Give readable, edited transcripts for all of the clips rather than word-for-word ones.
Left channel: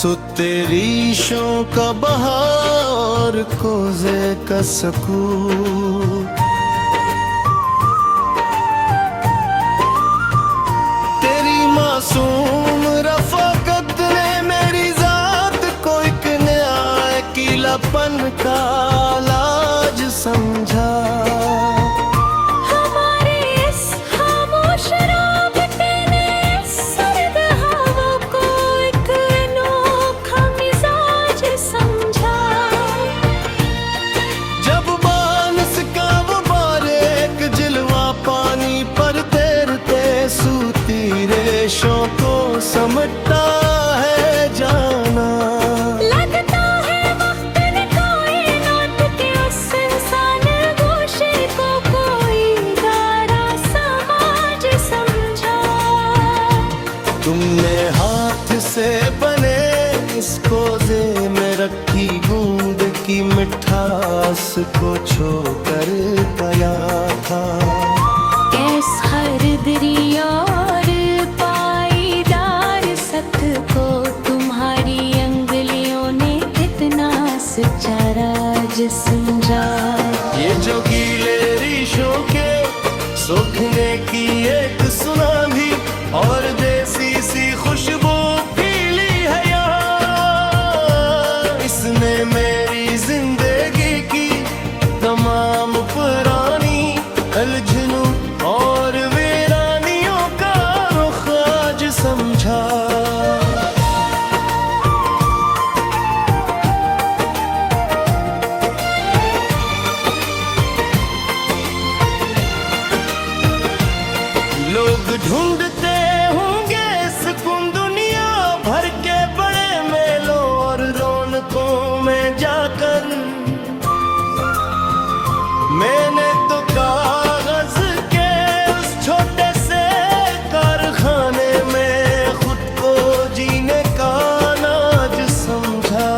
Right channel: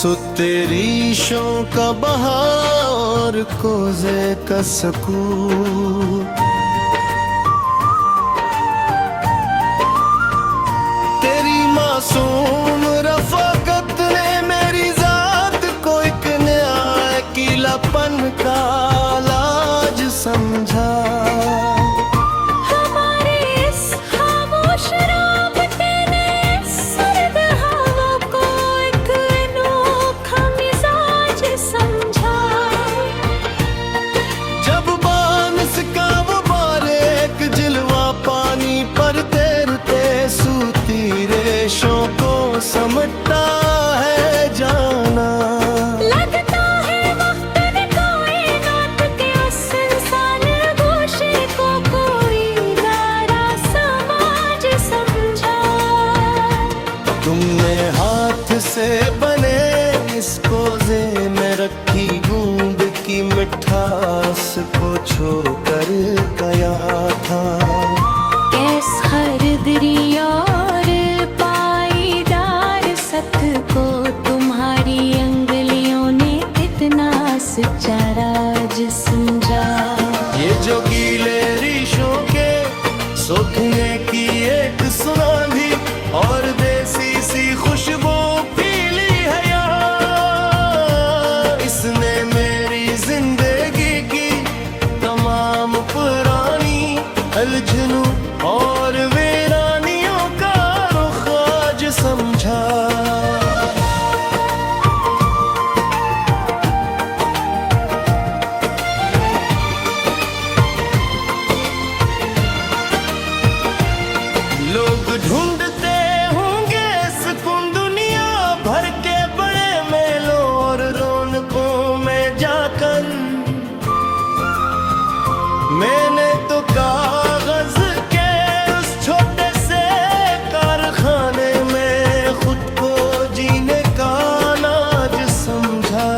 सुतेरीशों का बहार कोज़े का सकून, तेरी मासूम रफ़ाकत ने मेरी ज़ात को एक नया अकेलापन का लाज समझा। पानी पर तैरते सूती रेशों को समटता है जाना। लगता है वक्त ने कायनात के उस इंसान गोशे को कोई गारा समाज समझा। तुमने हाथ से बने इस कोज़े में रखी गूंद की मिठास को छोकर गया था। कैस खरीदरी और पाईदार सत को तुम्हारी अंगलियों ने कितना सच्चा राज समझा। ये जो गीले रीशों के सूखने की एक सुनामी और देसी सी खुशबू फैली है यहाँ, इसने मेरी जिंदगी की तमाम पुरानी उलझनों और वीरानियों का रुख आज समझा। लोग ढूंढते होंगे सुकून दुनिया भर के बड़े मेलों और रौनकों में जाकर, मैंने तो कागज के उस छोटे से कारखाने में खुद को जीने का नाज समझा।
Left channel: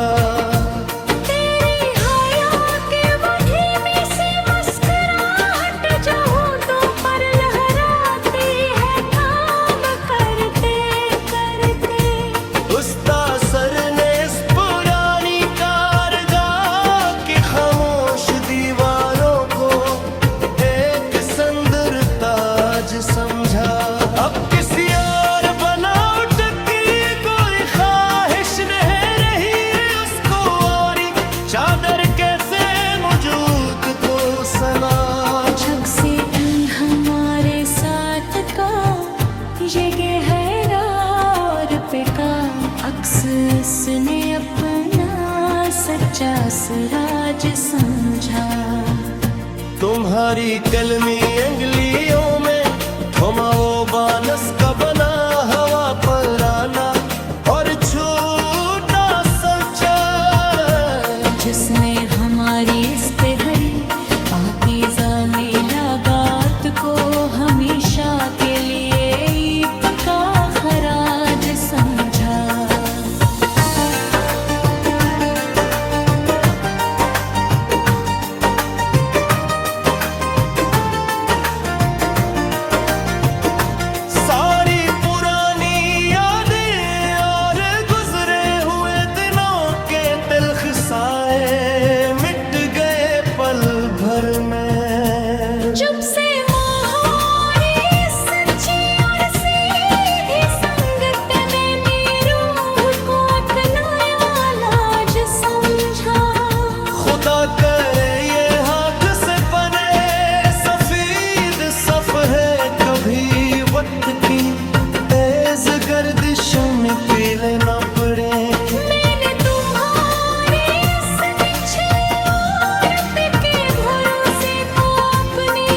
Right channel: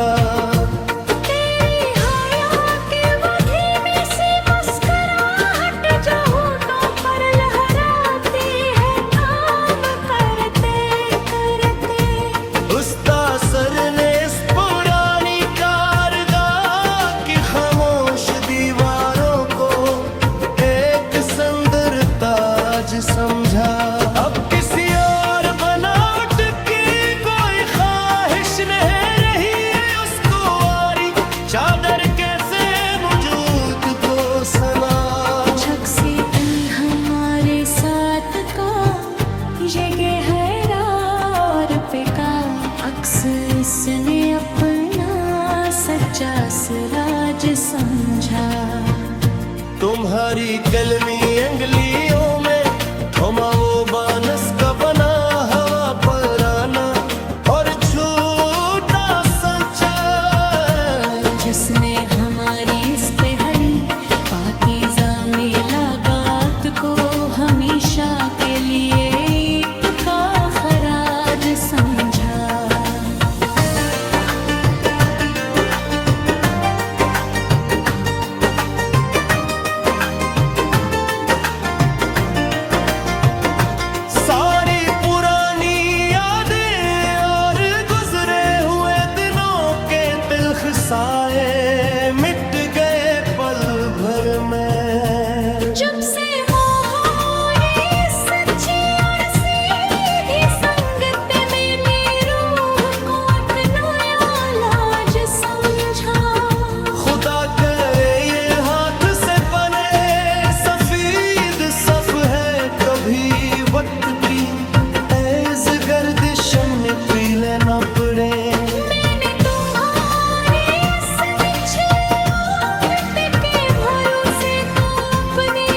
तेरी हया के वो धीमी सी मुस्कुराहट जो होठों पर लहराती है काम करते करते। उस तासर ने इस पुरानी कारगाह की खामोश दीवारों को एक सुंदर ताज समझा। अब किसी और बनावट की कोई ख्वाहिश नहीं रही उसको, और चादर कैसे मौजूद को सना। झक से हमारे साथ का ये गहरा और बेका अक्स उसने अपना सच्चा सराज समझा। तुम्हारी कलमी अंगलियों में थमा वो बानस का बना हवा पर आना और छूटा संचा, जिसने हमारी इस पे हरी पाकीज़ा मिलाकात को हमेशा के लिए ईद का खराज समझा। सारी पुरानी यादें और गुजरे हुए दिनों के तिल्ख साए मिट गए पल भर में। जब से मोहरी सच्ची और सीधी संगत में रूह को एक नया लाज समझा। खुदा करे ये हाथ से बने सफेद सफ है कभी वक्त की तेज गर्दिश में पीले न पड़े। मैंने तुम्हारे इस निछले और पिके भरोसे को अपनी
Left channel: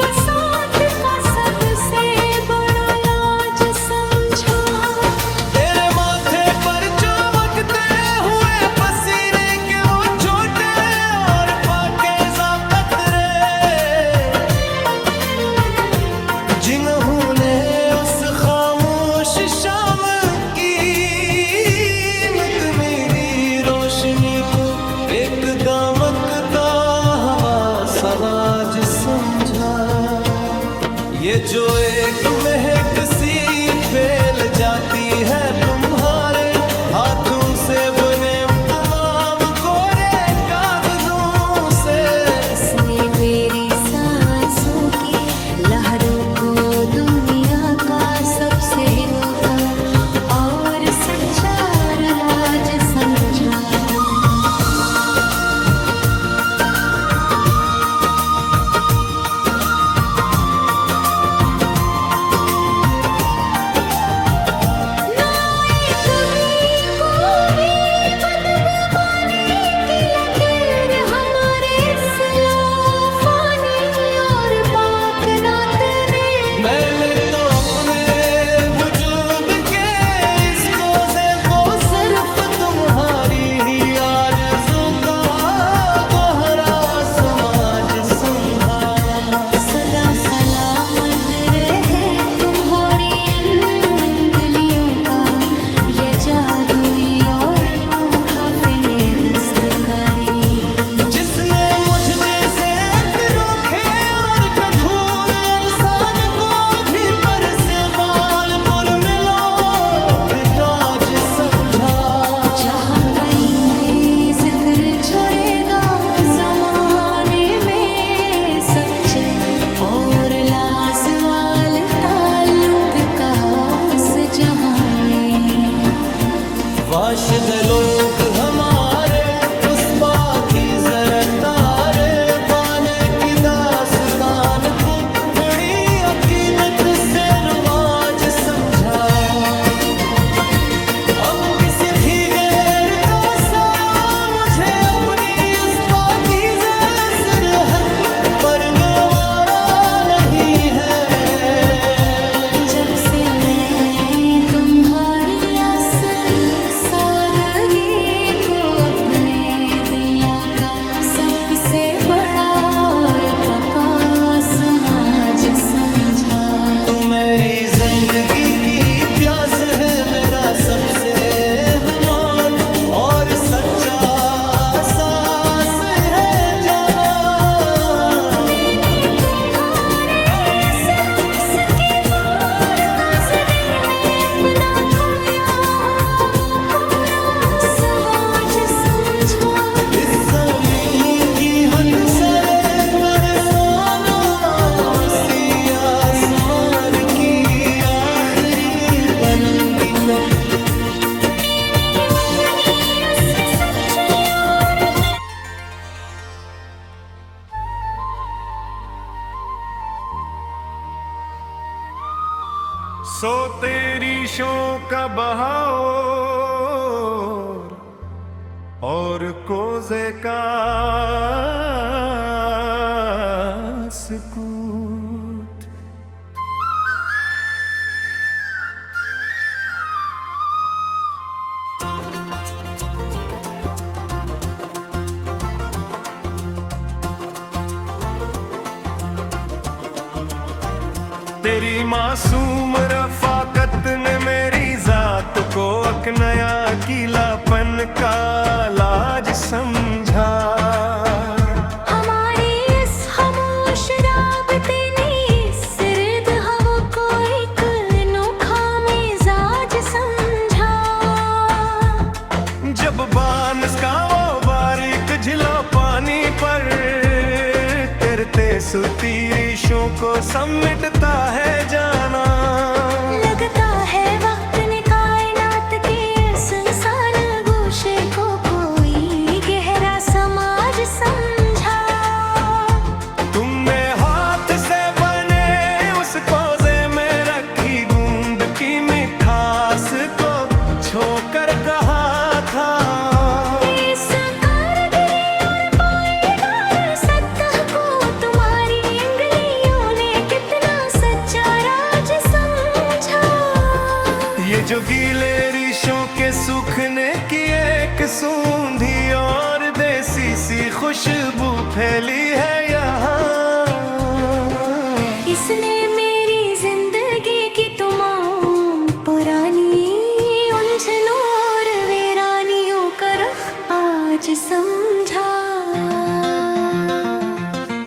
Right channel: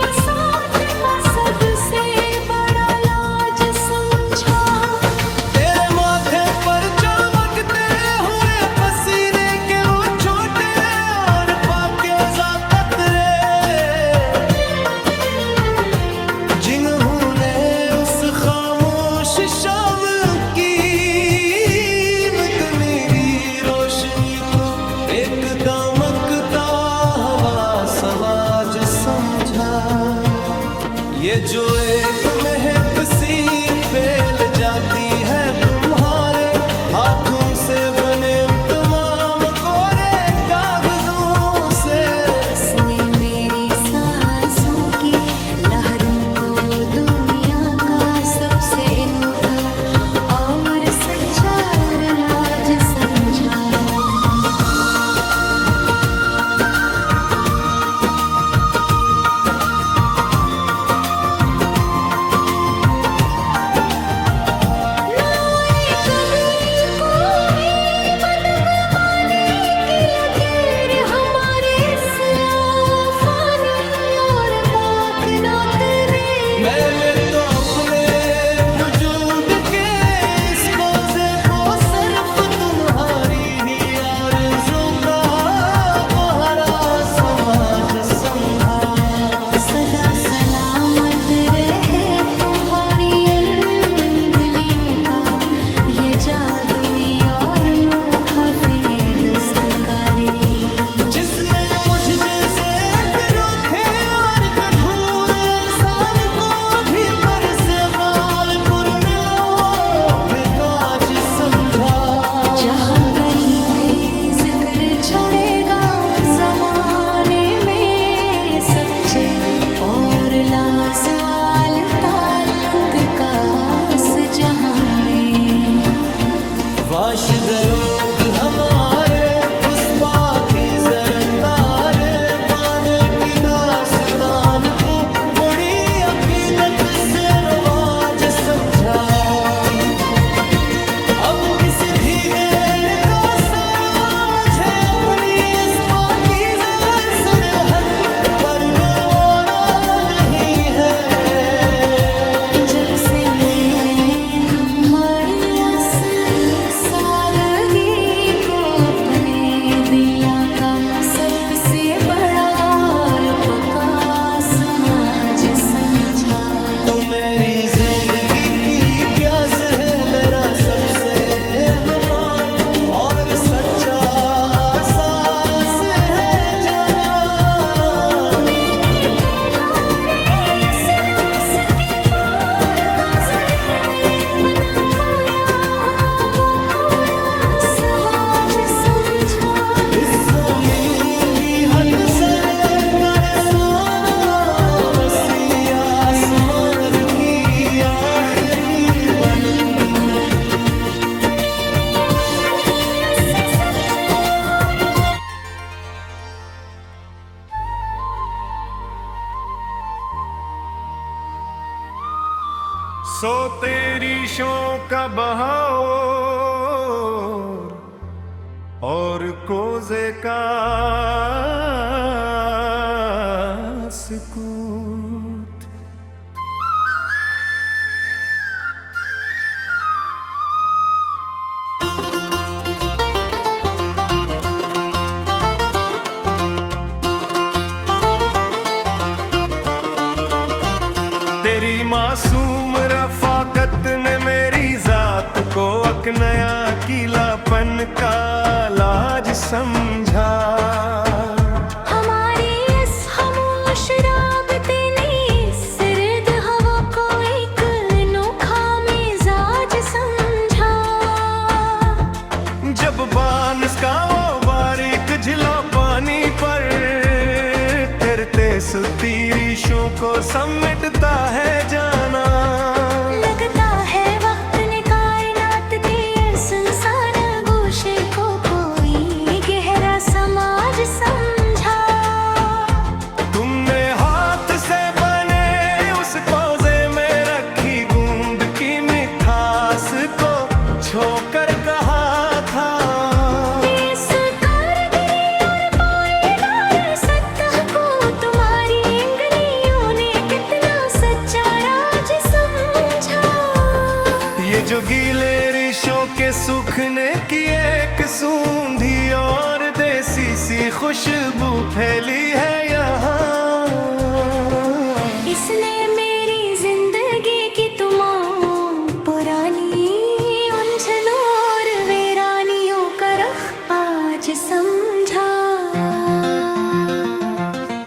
बसात का सबसे बड़ा लाज समझा। तेरे माथे पर चमकते हुए पसीने के वो छोटे और पाकीज़ा कतरे, जिन्होंने उस खामोश शाम की मेरी रोशनी को एक दमकता हवा सवाज समझा। ये जो एक महक सी फैल जाती है तुम्हारे हाथों से बने तमाम कोरे कागजों से। इसने मेरी सांसों की लहरों को दुनिया का सबसे अनोखा और सच्चा राज समझा। मैंने तो अपने वजूद के इस कोज़े को सिर्फ तुम्हारी ही आरज़ू का गोहरा समाज समझा। सदा सलामत रहे तुम्हारी अंगुलियों का ये जादुई और अनोखा फिने दस्तकारी। जिसने मुझ जैसे रोखे और कठोर इंसान को भी पर से बालपुर मिलो फिर ताज समझा। जहाँ कहीं भी जिक्र छोड़ेगा जमाने में सच्चे और लाजवाल ताल्लुक का इस जहाँ में। वाशिद लोग हमारे उस पाकी ज़रतारे बाने की दास्तान को बड़ी अकीदत से रवाज समझा। अब किसी भी गैर का साया मुझे अपनी इस पाकीज़ा सरहद पर गवारा नहीं है। जब से मैंने तुम्हारी सादगी को अपने दुनिया का सबसे बड़ा और पक्का समाज समझा। तू मेरी जिंदगी की प्यास है, मेरा सबसे हमाल और सच्चा सांस है जाना। इस ज़मीन की हद से लेकर सोना वसी आसमान की आखिरी पनंगी तक। सो तेरी शों का बहाव और कोज़े का सुकूत। तेरी मासूम रफ़ाकत ने मेरी ज़ात को एक नया किलापन का लाज समझा। हमारी इस खामोश राबते ने सर्द हवा को एक अनोखा मिजाज समझा। जब बारिश का वो बारीक झिला पानी पर तैरते सुती रेशों को समेटता है जाना। लगता है वक्त ने कायनात के सुनसान गोशे को कोई गहरा समाज समझा। तुमने हाथ से बने उस कोज़े में रखी गूंद की मिठास को छोकर कहा था। इस कारगिरी और पायदार सतह को तुम्हारी अंगुलियों ने कितना सच्चा राज समझा। ये जो गीले रेशों के सूखने की एक सूंधी और देसी सी खुशबू फैली है यहाँ। इसने मेरी जिंदगी की तमाम पुरानी उलझनों और वीरानियों का रुख आज समझा।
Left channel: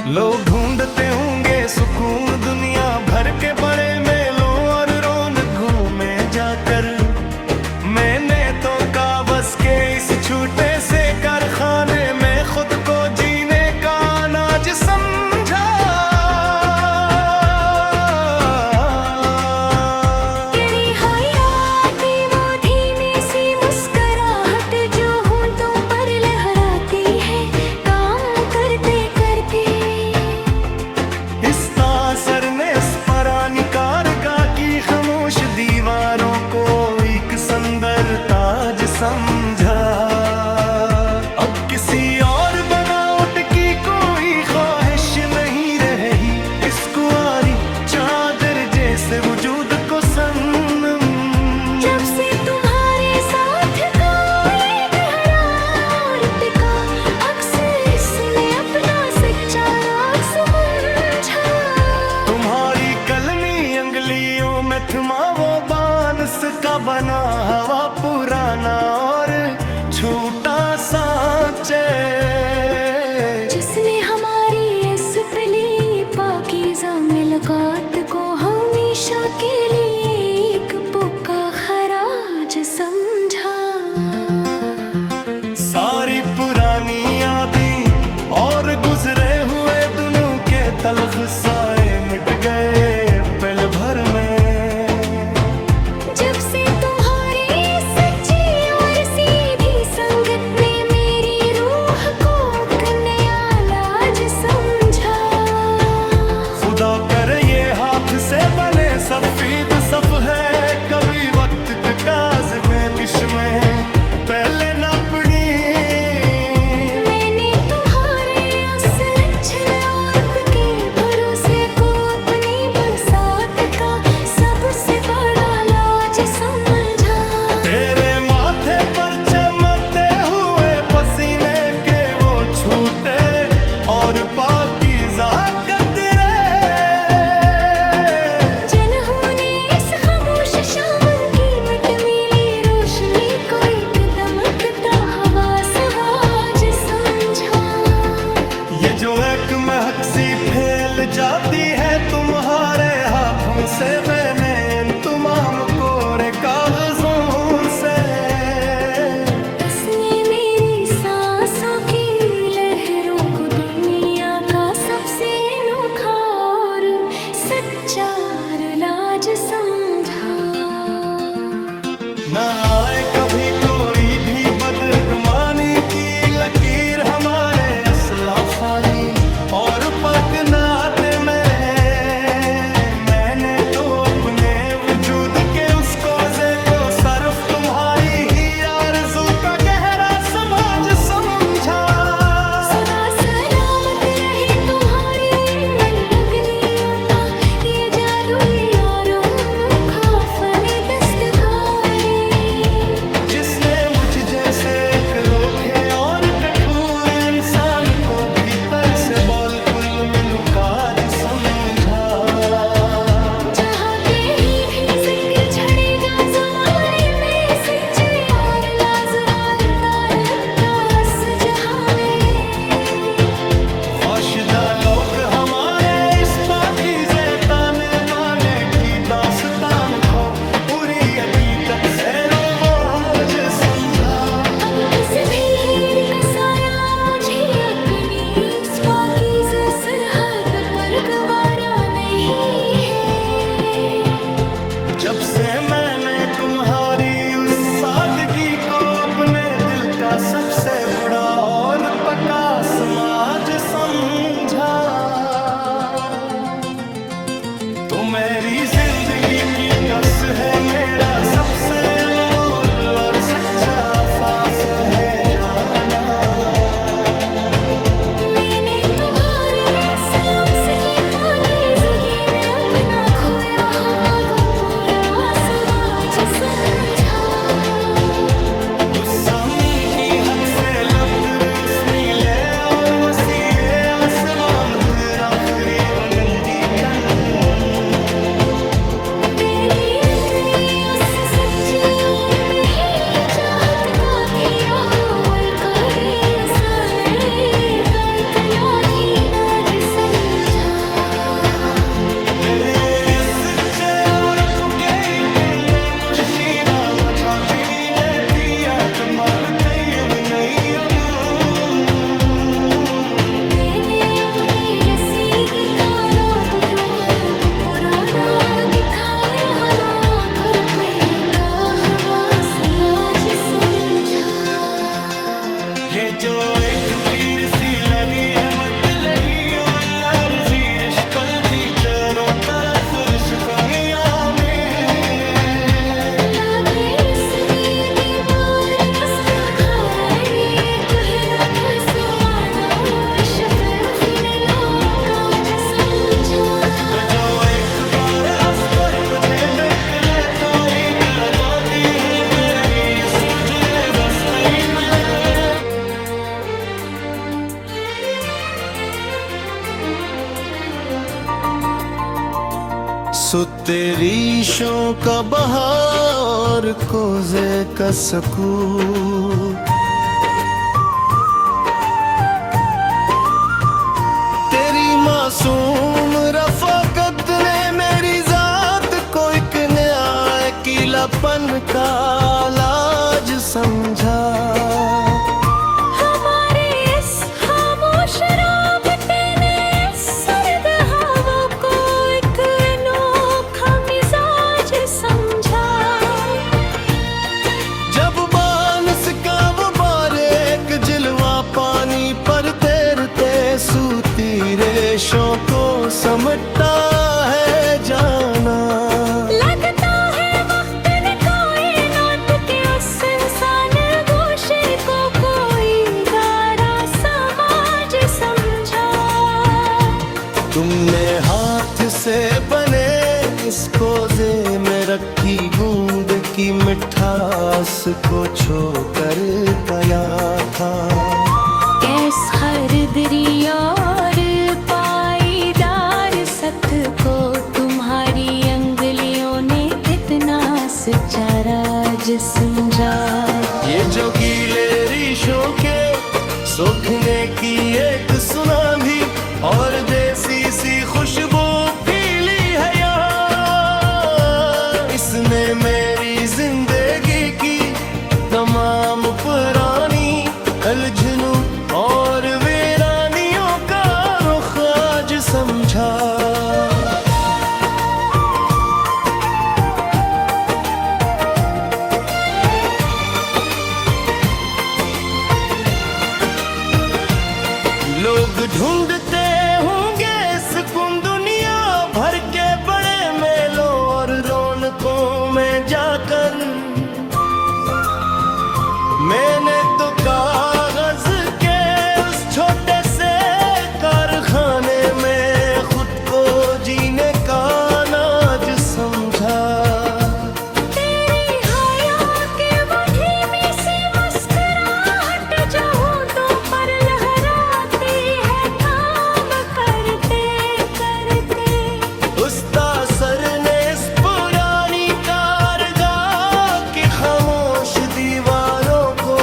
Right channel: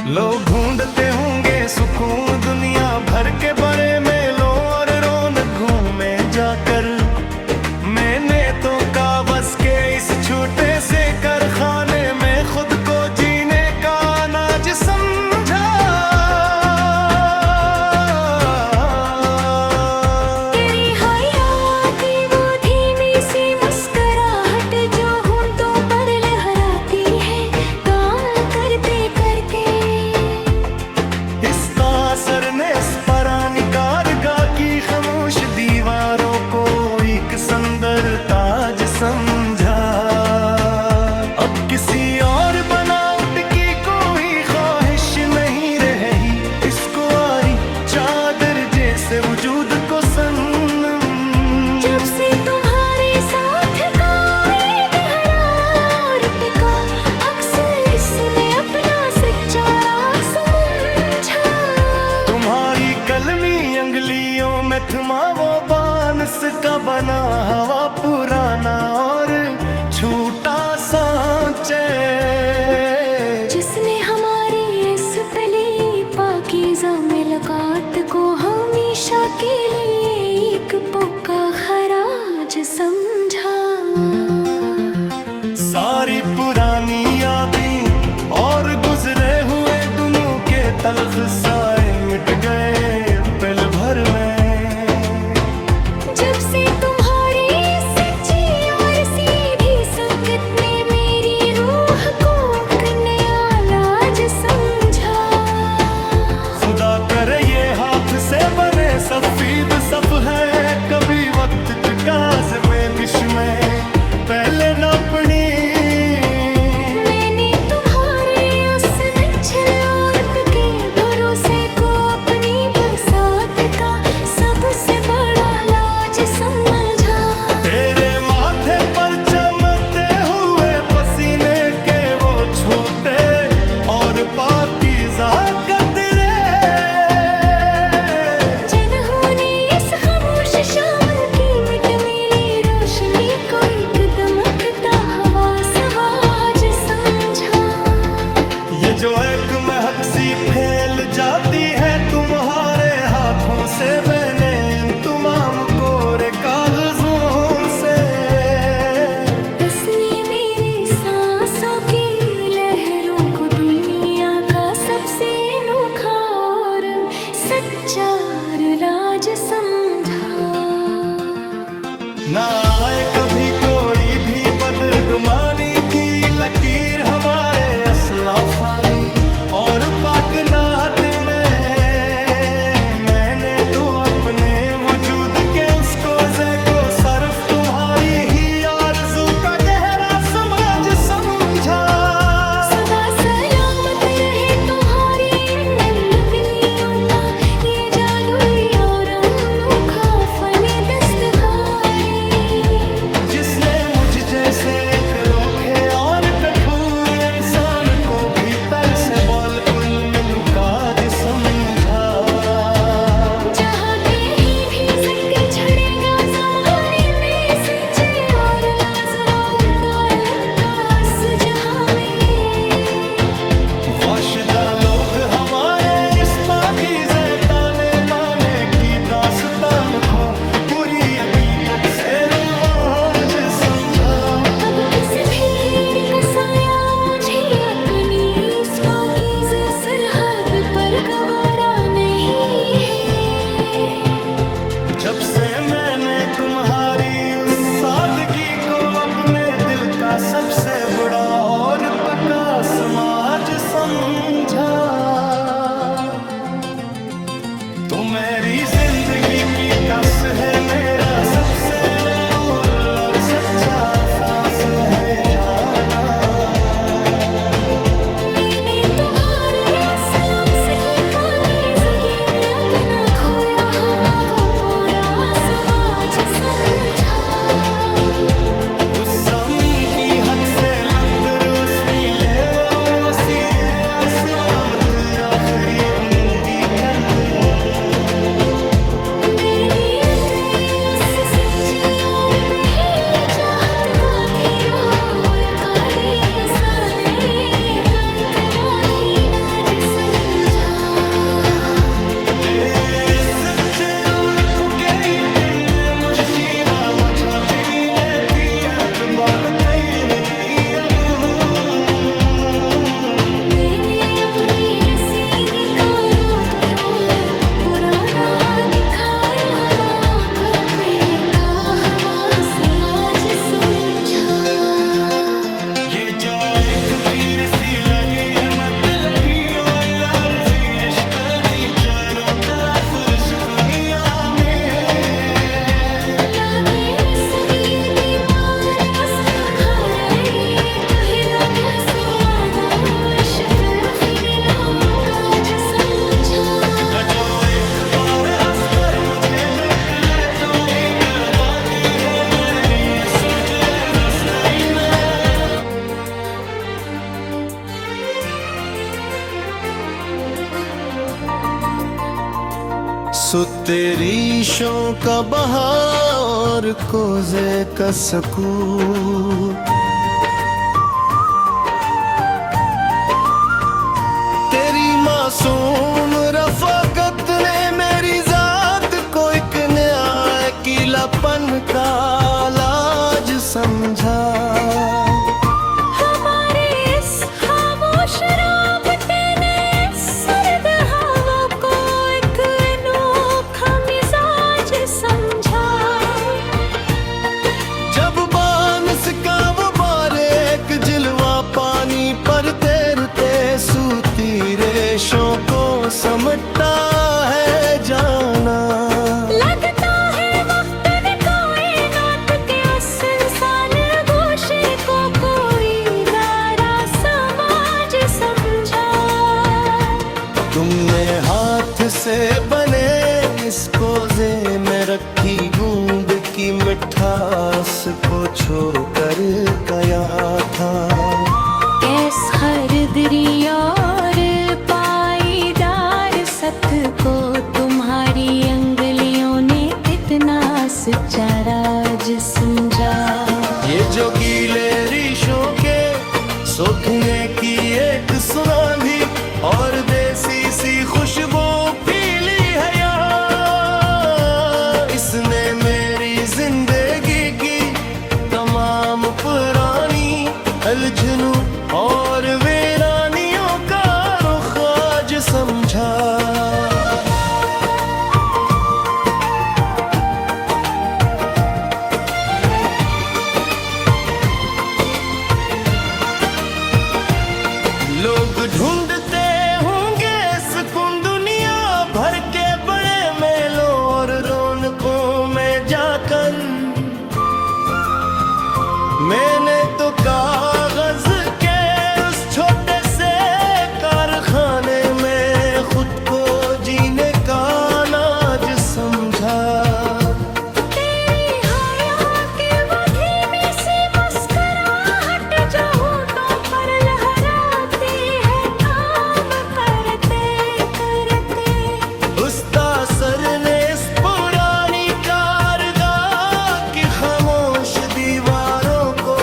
लोग ढूंढते होंगे सुकून दुनिया भर के बड़े मेलों और रौनक घूमे जाकर। मैंने तो खाने में खुद को जीने का अनाज समझा। तेरी हयाती वो धीमी सी मुस्कुराहट जो होंठों पर लहराती है काम करते करते। इस तासर ने अस्परानी कारगा की खामोश दीवारों को एक सुंदर ताज समझा। अब किसी और बनावट की कोई ख्वाहिश नहीं रही, इसको आरी चादर जैसे वजूद को सनम। जब से तुम्हारे साथ का ये गहरा और टिका, अक्सर सुने अपना सच्चा राग समझा। तुम्हारी कलमी अंगलियों में थमा वो बांस का बना हवा पुराना और छूटा सांचे, जिसने हमारी इस पली पाकीज़ा मुलाकात को हमेशा के लिए एक पुक्का खराज समझा। सारी पुरानी यादें और गुजरे हुए दिनों के तलख साए मिट गए पल भर में। जब से तुम्हारी सच्ची और सीधी संगत ने मेरी रूह को एक नया लाज समझा। खुदा करे ये हाथ से बने सफेद सफ है, कभी वक्त काज में दिश में पहले न पड़ी। मैंने तुम्हारे असनछल और पिके भरोसे को अपनी बसात का सबसे बड़ा लाज समझा। तेरे माथे पर चमकते हुए पसीने के वो छूटे और पाकीज़ा कतरे, जिन्होंने इस खामोश शाम की मिटमिली रोशनी को एक दमकता हवा सवाज समझा। ये जो एक महक सी फैल जाती है तुम्हारे हाथों से बने इन तमाम कोरे कागजों से। उसने मेरी सांसों की लहरों को दुनिया का सबसे अनोखा और सच्चा लाज समझा। ना आए कभी कोई भी बदगुमानी की लकीर हमारे असलाफानी और पाक नाते में है। मैंने तो अपने वजूद के उस कोज़े को सर्फ तुम्हारी ही आरज़ू का गहरा समाज समझा। सदा सलामत रहे तुम्हारी इन नगलियों का ये जादुई और अनोखा फने दस्तकारी, जिसने मुझ जैसे एक रोखे और कठोर इंसान को भीतर से बिल्कुल मिलुकाज समझा। जहाँ के भी जिक्र छड़ेगा जमाने में सच्चे और लाजवाब ताल्लुक का इस जहाँ में। वाशिदा लोग हमारे इस पाकीज़े ताने बाने की दास्तान को पूरी अकीदत से रोमांच समझा। अब किसी भी गैर का साया मुझे अपनी इस पाकीज़े सरहद पर गवारा नहीं है। जब से मैंने तुम्हारी उस सादगी को अपने दिल का सबसे बड़ा और पक्का समाज समझा। तो मेरी जिंदगी की टस है, मेरा सबसे अनमोल और सच्चा सांस है जाना। मैंने तुम्हारे इस लम्स की पाकीज़गी में अपना खोया हुआ वो पूरा स्वाज समझा। उस ज़मीन की हद से लंदर उस नीले और वसीले आसमां तेरा आखिरी उनंदी कन। मेरी अपनी उस सच्ची और बही चाहत का थी रोए करी सने कातना थी नाज समझा। सच्चे और पुके इतने मुश्किल मचा तिनी ने दिया तो बाल कई नहीं सी लगी है मत लगी ओ यार जी रिश्ता दी चारों तरफ रिश्तों में लागे इस गीर की मार नस तुम्हारा ये कहरा दसुमादा इश्क फिर लोका ज समझा जो एक बार अस्तर मुझे देख ले तो ही कर पाती है मेरी सोचे बस्ती में सो तेरी शौक का बहार कोज़े का सकून तेरी मासूम रफ़ाकत ने मेरी ज़ात को एक नया अकेलापन का लाज समझा हमारे इस खामोश राबते ने सर्द हवा को एक अनोखा मिजाज समझा जब बानस का वो बारीक जिलवा पानी पर तैरते सूती रेशों को समटता है जाना लगता है वक्त ने कायनात के उस इंसान गोशे को कोई गारा समाज समझा तुमने हाथ से बने इस कोज़े में रखी गूंद की मिठास को छोकर गया था कैस खरीदरी और पाईदार सत को तुम्हारी अंगलियों ने इतना सच्चा राज समझा ये जो गीले रेशों के सूखने की एक सुनामी और देसी सी खुशबू पीली है यहाँ इसने मेरी जिंदगी की तमाम पुरानी अलझनों और वीरानियों का रुख आज समझा लोग ढूंढते होंगे सुकून दुनिया भर के बड़े मेलों और रौनकों में जाकर मैंने तो कागज के उस छोटे से कारखाने में खुद को जीने का नाज समझा तेरी हया के वो धीमी सी मुस्कुराहट जो होठों पर लहराती है काम करते करते उस तासर ने इस पुरानी कारगाह की खामोश दीवारों को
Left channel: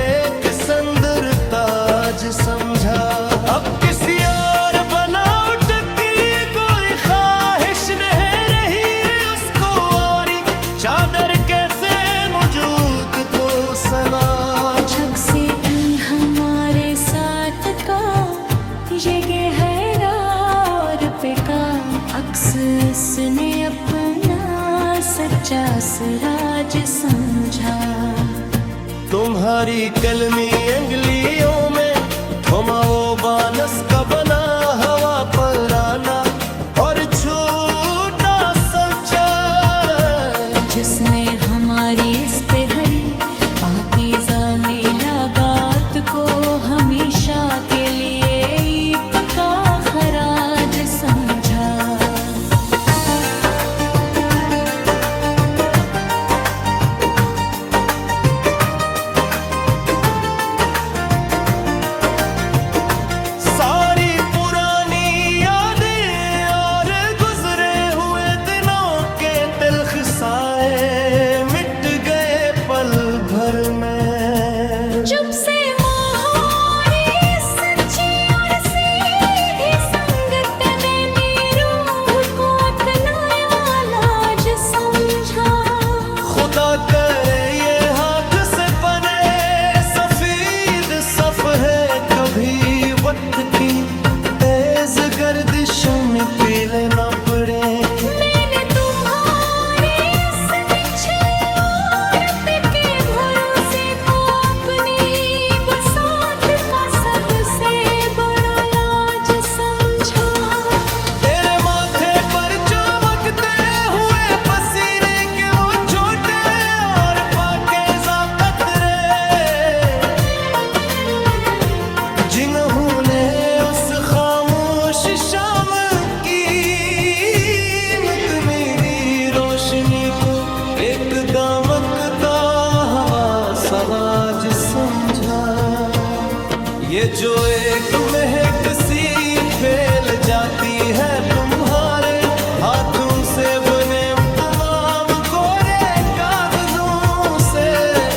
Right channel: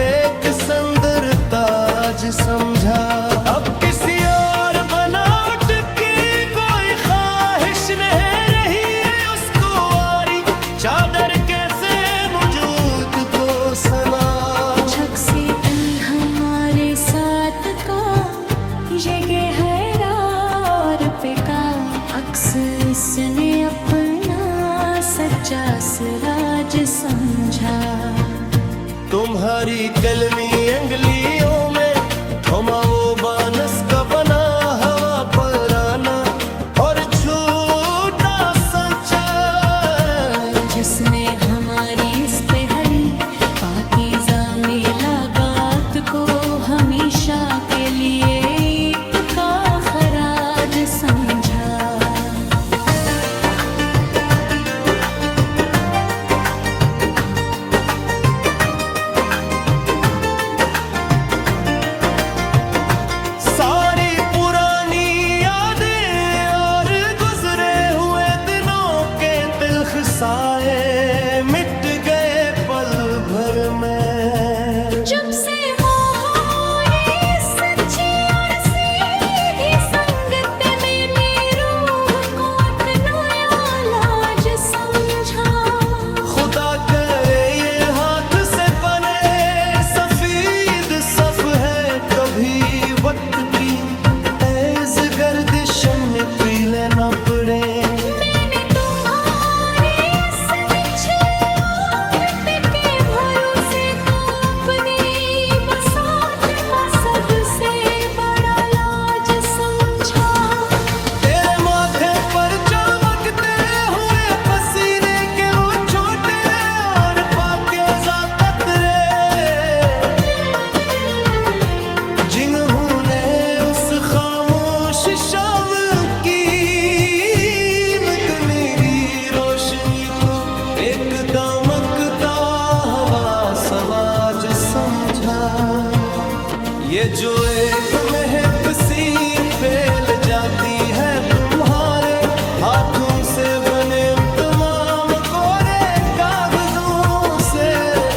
एक संदर ताज समझा अब किसी और बनावट की कोई ख्वाहिश नहीं रही उसको और चादर कैसे मौजूद को सना झक से हमारे साथ का ये गहरा और बेका अक्स उसने अपना सच्चा सराज समझा तुम्हारी कलमी अंगलियों में थमा वो बानस का बना हवा पर आना और छूटा संचार जिसने हमारी इस पे हरी पाकीज़ा मिलाकात को हमेशा के लिए ईद का खराज समझा सारी पुरानी यादें और गुजरे हुए दिनों के तिलख साए मिट गए पल भर में जब से मोहरी सच्ची और सीधी संगत में रूह को अपना लाज समझा खुदा करे ये हाथ से बने सफीद सफ है कभी वक्त की तेज गर्दिश में पीले न पड़े मैंने तुम्हारे इस निछले और पिके भरोसे को अपनी बसात का सब इन्होंने उस खामोश शाम की मेरी रोशनी को एक दमकता हवा सवाज समझा। ये जो एक महक सी फैल जाती है तुम्हारे हाथों से बने तमाम कोरे कागजों से।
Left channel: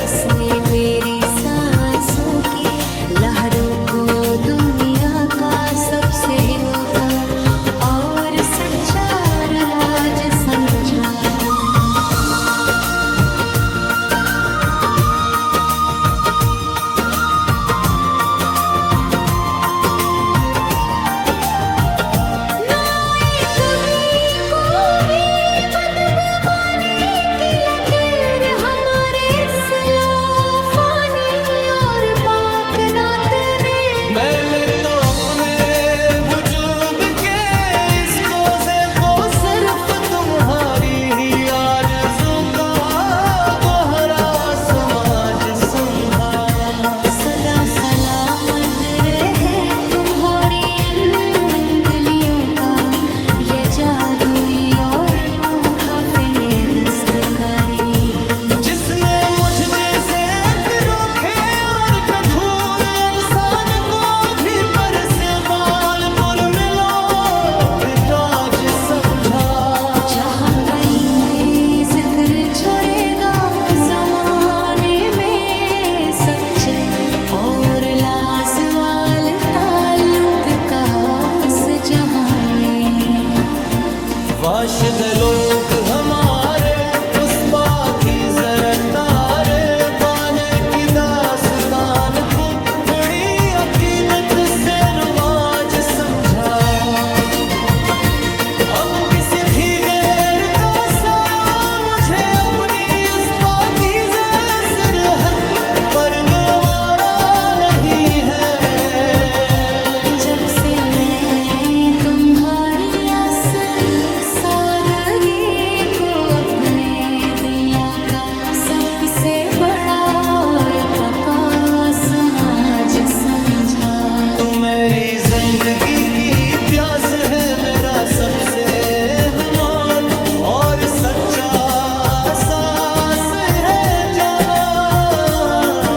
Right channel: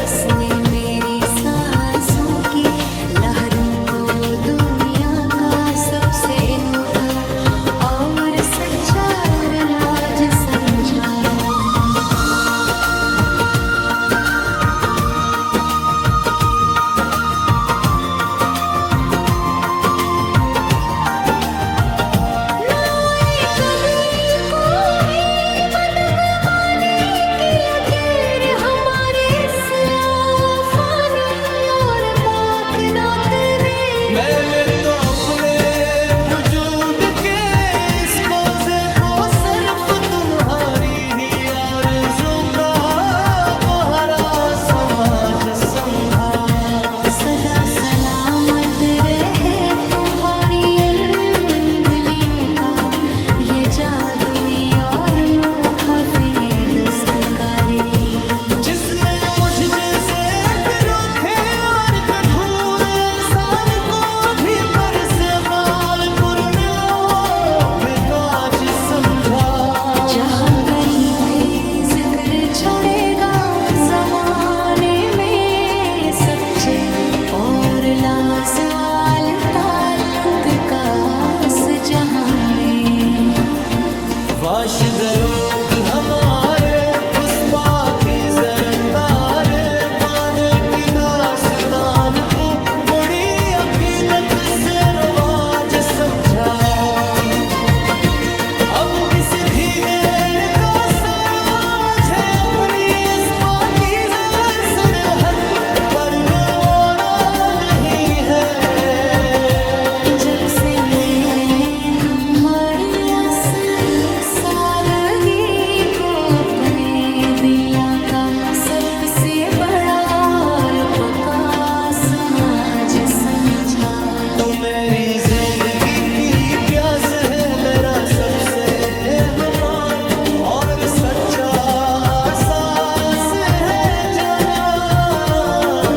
इसने मेरी सांसों की लहरों को दुनिया का सबसे अनोखा और सच्चा राज समझा। मैंने तो अपने वजूद के इस कोज़े को सिर्फ तुम्हारी ही आरज़ू का गोहरा समाज समझा। सदा सलामत रहे तुम्हारी अंगुलियों का ये जादुई और नोखा फिने दस्तकारी। जिसने मुझ जैसे रोखे और कठोर इंसान को भी पर से बालपुर मिलो तो आज समझा। जहाँ कहीं भी जिक्र छोड़ेगा जमाने में सच्चे और लाजवाल ताल्लुक का उस जहाँ में। वाशिद लोग हमारे उस पाकी जरतारे बाने की दास्तान को बड़ी अकीदत से रवाज समझा। अब किसी भी गैर का साया मुझे अपनी इस पाकीज़ा सरहद पर गवारा नहीं है। जब से मैंने तुम्हारी सादगी को अपने दुनिया का सबसे बड़ा और पक्का समाज समझा। तू मेरी जिंदगी की प्यास है, मेरा सबसे हमाल और सच्चा सास है जाना।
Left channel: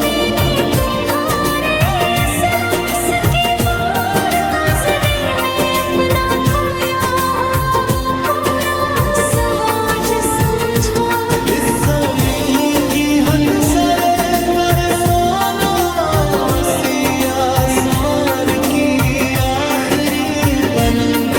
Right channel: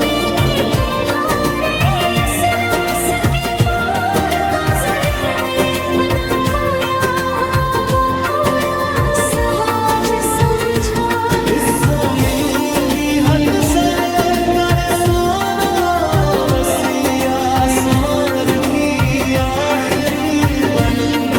मैंने तुम्हारे इस लाश के पार काज़ने में अपना खोया हुआ वो पूरा समाज समझा। इस ज़मीं की हद से लेकर सोना वसी आसमान की आखिरी पलंग